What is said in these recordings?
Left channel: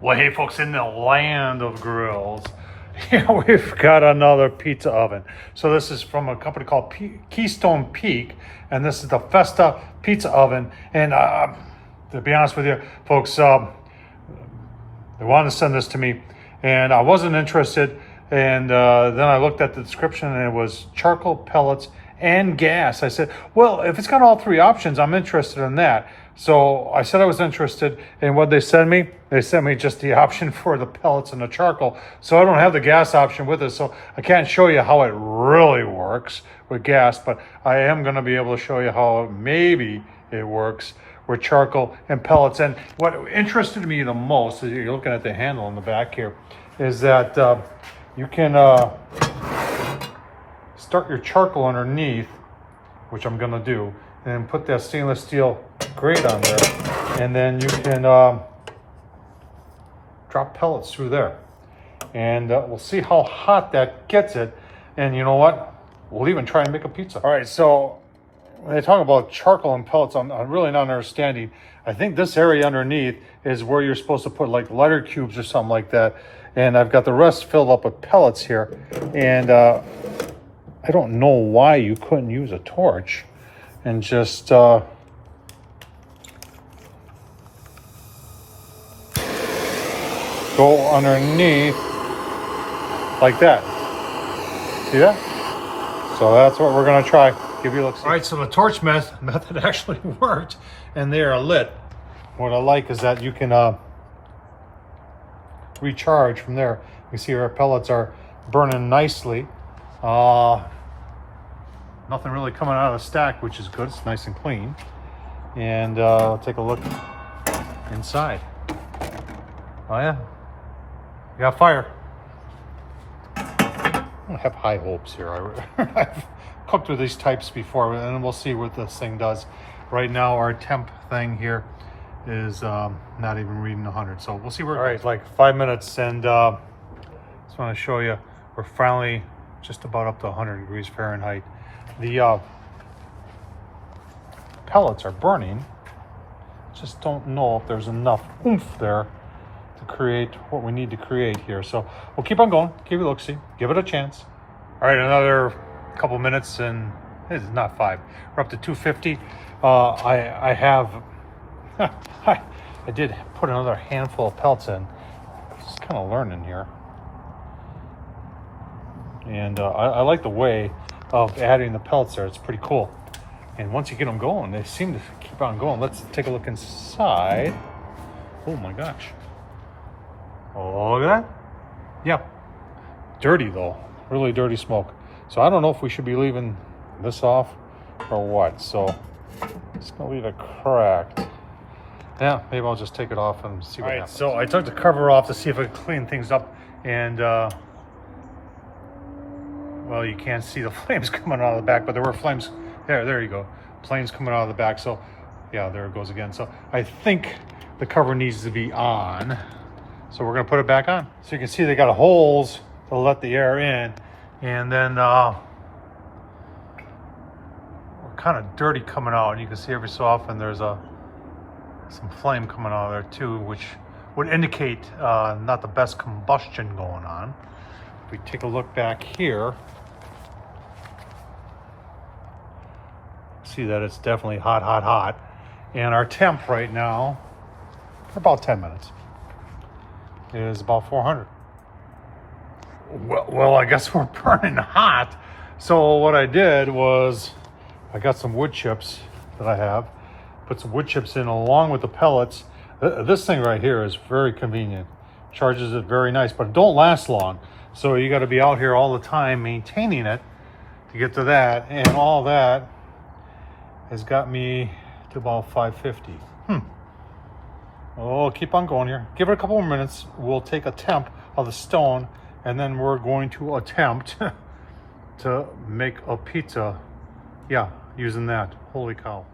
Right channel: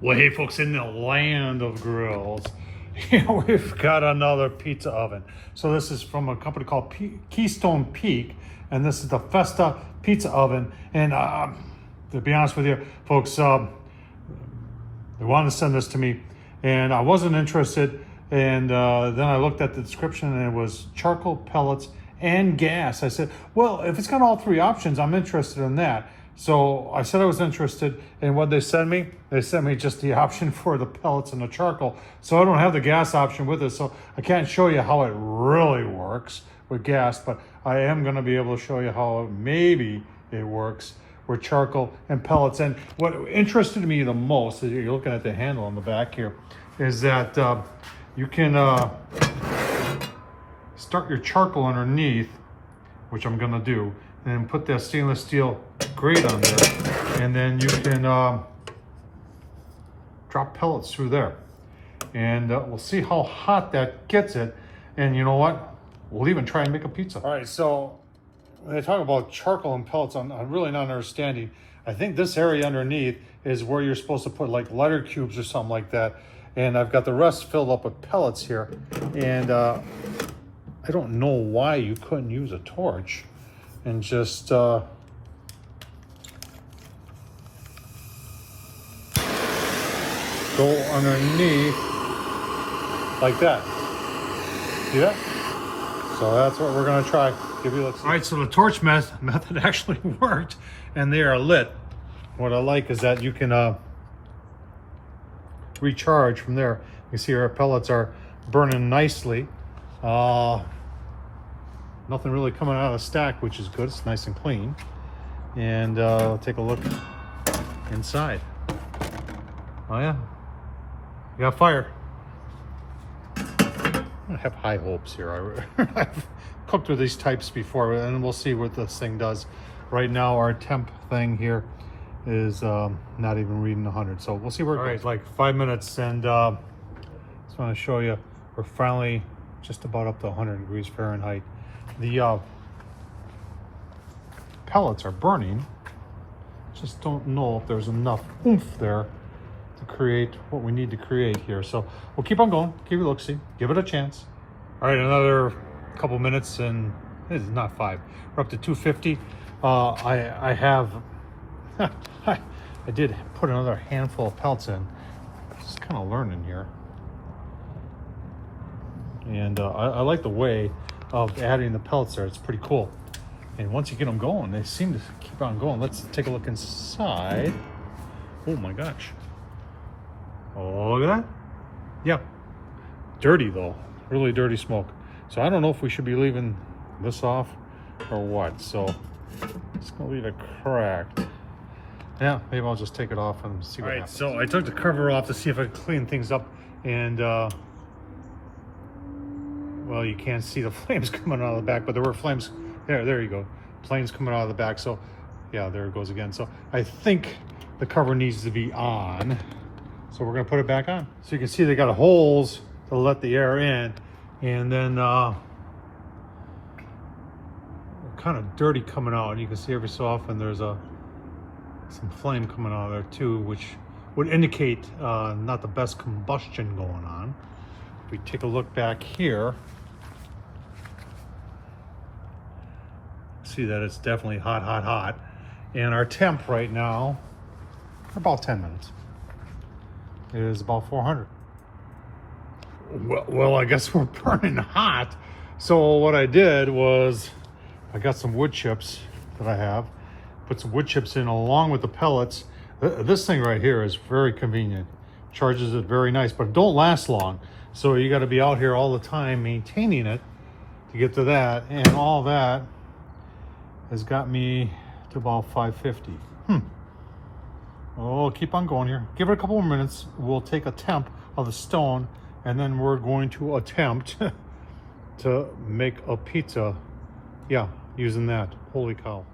Well, hey folks, in the land of grills, we've got another pizza oven. So this is from a company called Keystone Peak, and this is the Festa pizza oven. And to be honest with you, folks, they wanted to send this to me, and I wasn't interested. And then I looked at the description, and it was charcoal, pellets, and gas. I said, well, if it's got all three options, I'm interested in that. So I said I was interested, and what they sent me? They sent me just the option for the pellets and the charcoal. So I don't have the gas option with it, so I can't show you how it really works with gas, but I am gonna be able to show you how maybe it works with charcoal and pellets. And what interested me the most, as you're looking at the handle in the back here, is that you can start your charcoal underneath, which I'm gonna do, and put that stainless steel grate on there, and then you can drop pellets through there, and we'll see how hot that gets it. And you know what, we'll even try and make a pizza. All right, so when they talk about charcoal and pellets, I'm really not understanding. I think this area underneath is where you're supposed to put like lighter cubes or something like that, and I've got the rest filled up with pellets here. And I don't know why you couldn't use a torch and just go underneath like that. See that? So that's what we're gonna try. Give you a look. All right, so the torch method actually worked, and they are lit. What I like is that you can recharge from there. You see our pellets are burning nicely. Nothing really coming out of the stack, which is good. It's nice and clean. And take a look inside. Oh yeah, you got fire. I have high hopes here. I've cooked with these types before, and we'll see what this thing does. Right now, our temp thing here is not even reading 100, so we'll see where it goes. All right, like 5 minutes, and just want to show you, we're finally just about up to 100 degrees Fahrenheit. The pellets are burning. Just don't know if there's enough oomph there to create what we need to create here. So we'll keep on going, give it a look-see, give it a chance. All right, another couple minutes, and this is not 5. We're up to 250. I have, I did put another handful of pellets in. Just kind of learning here. And I like the way of adding the pellets there. It's pretty cool. And once you get them going, they seem to keep on going. Let's take a look inside. Oh my gosh. Oh, look at that. Yeah. Dirty though. Really dirty smoke. So I don't know if we should be leaving this off or what. So it's gonna leave it cracked. Yeah, maybe I'll just take it off and see what happens. So I took the cover off to see if I could clean things up, and well, you can't see the flames coming out of the back, but there were flames. There you go. Flames coming out of the back. So yeah, there it goes again. So I think the cover needs to be on. So we're gonna put it back on. So you can see they got holes to let the air in, and then kind of dirty coming out. And you can see every so often there's some flame coming out of there too, which would indicate not the best combustion going on. If we take a look back here, see that it's definitely hot, hot, hot. And our temp right now, for about 10 minutes, is about 400. Well, I guess we're burning hot. So what I did was, I got some wood chips that I have, put some wood chips in along with the pellets. This thing right here is very convenient. Charges it very nice, but it don't last long. So you got to be out here all the time maintaining it to get to that, and all that has got me to about 550. Oh, keep on going here. Give it a couple more minutes. We'll take a temp of the stone, and then we're going to attempt to make a pizza. Yeah, using that. Holy cow.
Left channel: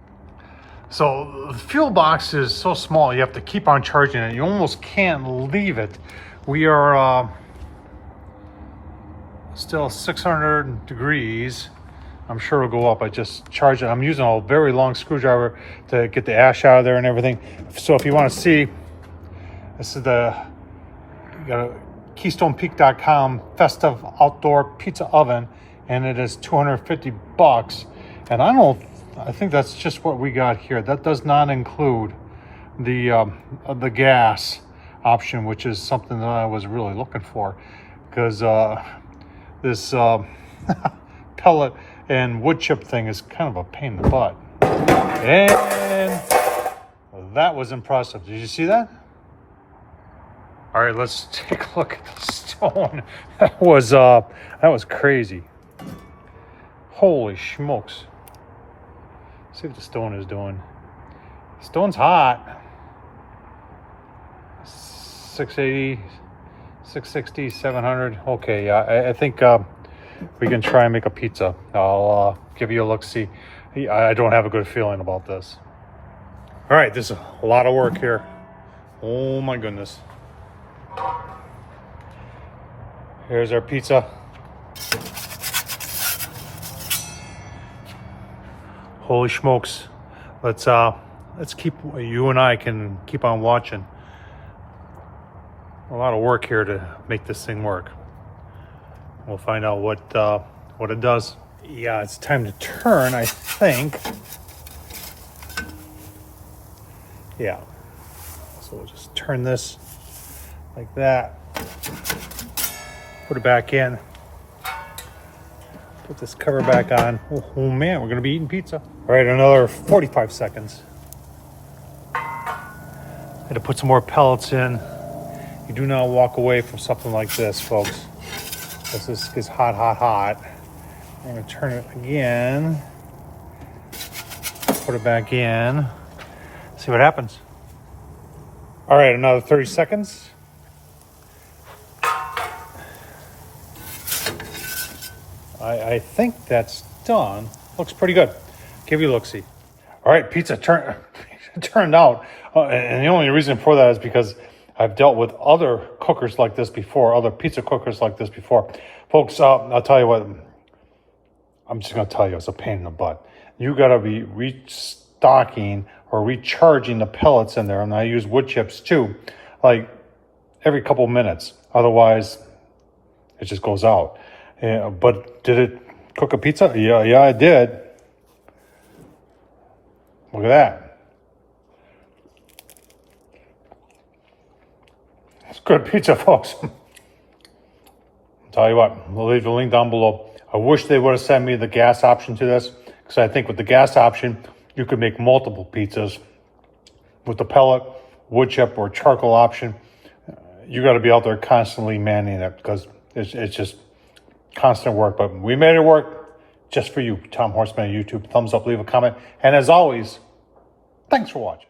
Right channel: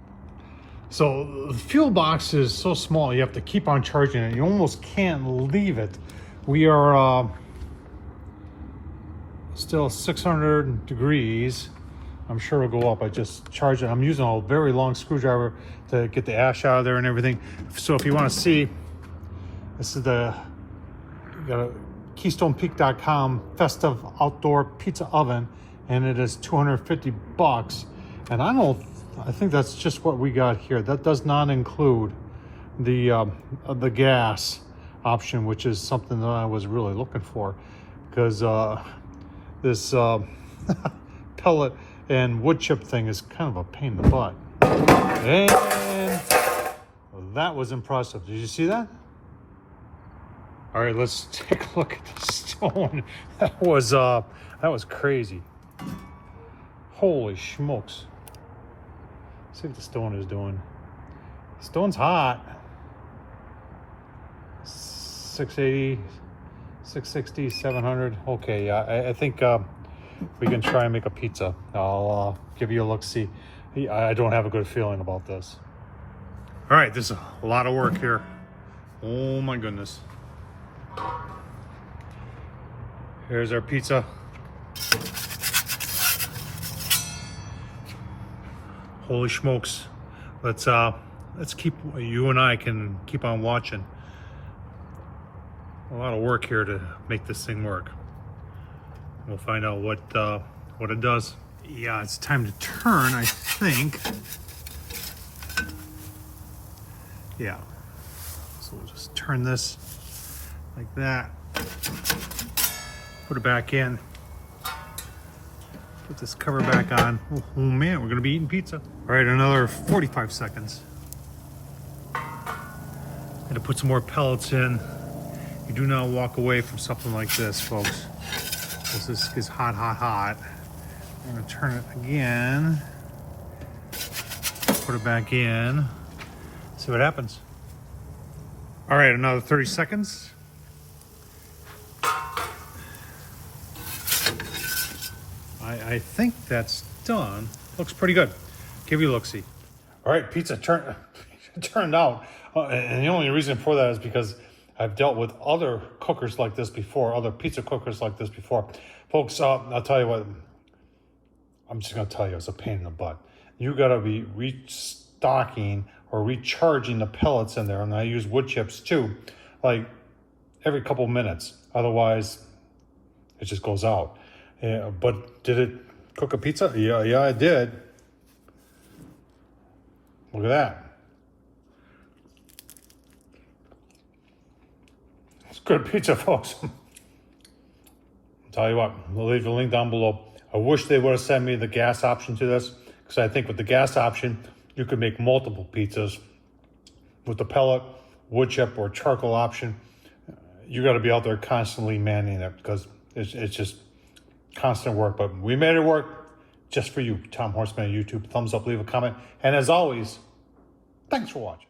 So the fuel box is so small, you have to keep on charging it. You almost can't leave it. We are still 600 degrees. I'm sure it'll go up. I just charged it. I'm using a very long screwdriver to get the ash out of there and everything. So if you want to see, this is the You got a KeystonePeak.com Festa outdoor pizza oven, and it is $250. And I think that's just what we got here. That does not include the gas option, which is something that I was really looking for, because this pellet and wood chip thing is kind of a pain in the butt. And that was impressive. Did you see that? All right, let's take a look at the stone. That was crazy. Holy smokes. Let's see what the stone is doing. Stone's hot. 680, 660, 700. Okay, yeah, I think we can try and make a pizza. I'll give you a look-see. I don't have a good feeling about this. All right, there's a lot of work here. Oh my goodness. Here's our pizza. Holy smokes. Let's keep, you and I can keep on watching. A lot of work here to make this thing work. We'll find out what it does. Yeah, it's time to turn, I think. Yeah. So we'll just turn this like that. Put it back in. Put this cover back on. Oh man, we're gonna be eating pizza. All right, another 45 seconds. Had to put some more pellets in. You do not walk away from something like this, folks. This is hot, hot, hot. I'm gonna turn it again. Put it back in. See what happens. All right, another 30 seconds. I think that's done. Looks pretty good. Give you a look-see. All right, pizza turned out. And the only reason for that is because I've dealt with other cookers like this before, other pizza cookers like this before. Folks, I'll tell you what, I'm just gonna tell you, it's a pain in the butt. You gotta be restocking or recharging the pellets in there, and I use wood chips too, like every couple minutes. Otherwise, it just goes out. But did it cook a pizza? Yeah, it did. Look at that. It's good pizza, folks. I'll tell you what, I'll leave the link down below. I wish they would have sent me the gas option to this, because I think with the gas option, you could make multiple pizzas. With the pellet, wood chip, or charcoal option, you got to be out there constantly manning it, because it's just constant work. But we made it work just for you. Tom Horsman on YouTube. Thumbs up, leave a comment. And as always, thanks for watching.